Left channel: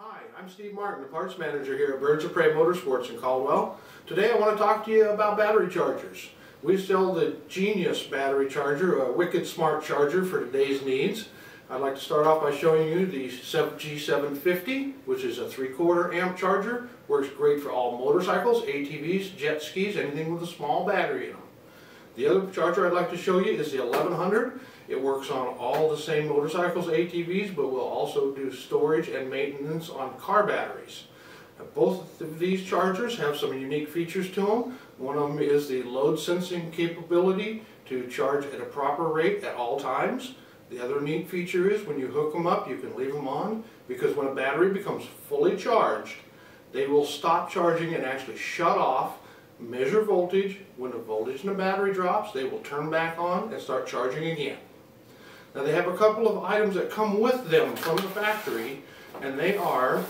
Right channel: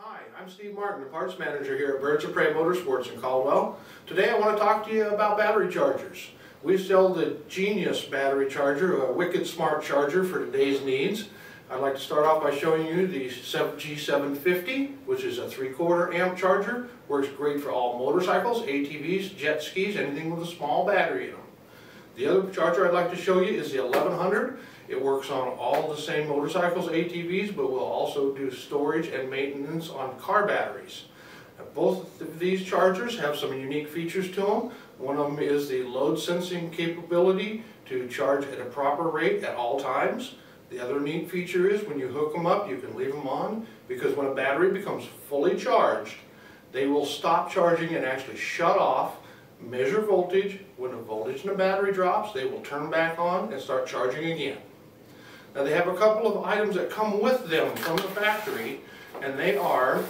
Hi, I'm Steve Martin, the parts manager here at Birds of Prey Motorsports in Caldwell. Today I want to talk to you about battery chargers. We sell the Genius battery charger, a wicked smart charger for today's needs. I'd like to start off by showing you the G750, which is a 3/4 amp charger. Works great for all motorcycles, ATVs, jet skis, anything with a small battery in them. The other charger I'd like to show you is the 1100. It works on all the same motorcycles, ATVs, but will also do storage and maintenance on car batteries. Now, both of these chargers have some unique features to them. One of them is the load sensing capability to charge at a proper rate at all times. The other neat feature is when you hook them up, you can leave them on, because when a battery becomes fully charged, they will stop charging and actually shut off, measure voltage. When the voltage in the battery drops, they will turn back on and start charging again. Now they have a couple of items that come with them from the factory, and they are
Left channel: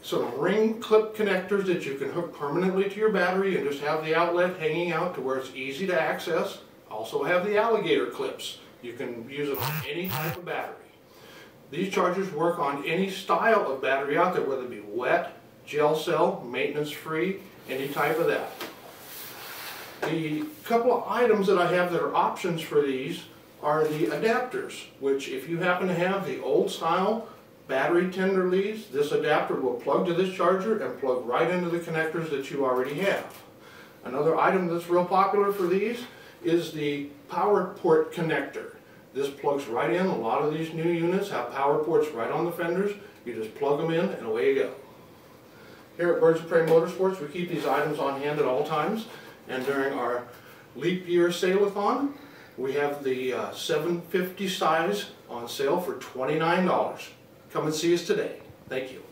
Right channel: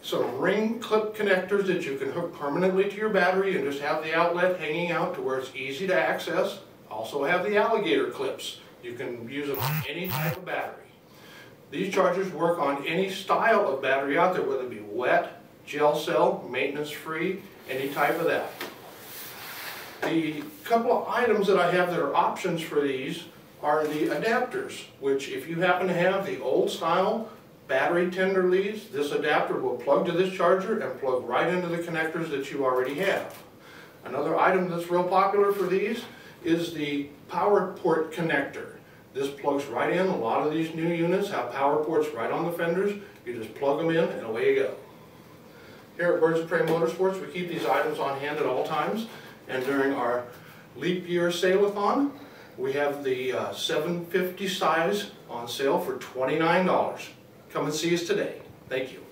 some ring clip connectors that you can hook permanently to your battery and just have the outlet hanging out to where it's easy to access. Also have the alligator clips. You can use them on any type of battery. These chargers work on any style of battery out there, whether it be wet, gel cell, maintenance free, any type of that. The couple of items that I have that are options for these are the adapters, which if you happen to have the old style battery tender leads, this adapter will plug to this charger and plug right into the connectors that you already have. Another item that's real popular for these is the power port connector. This plugs right in. A lot of these new units have power ports right on the fenders. You just plug them in and away you go. Here at Birds of Prey Motorsports, we keep these items on hand at all times, and during our leap year sale-a-thon, we have the 750 size on sale for $29. Come and see us today. Thank you.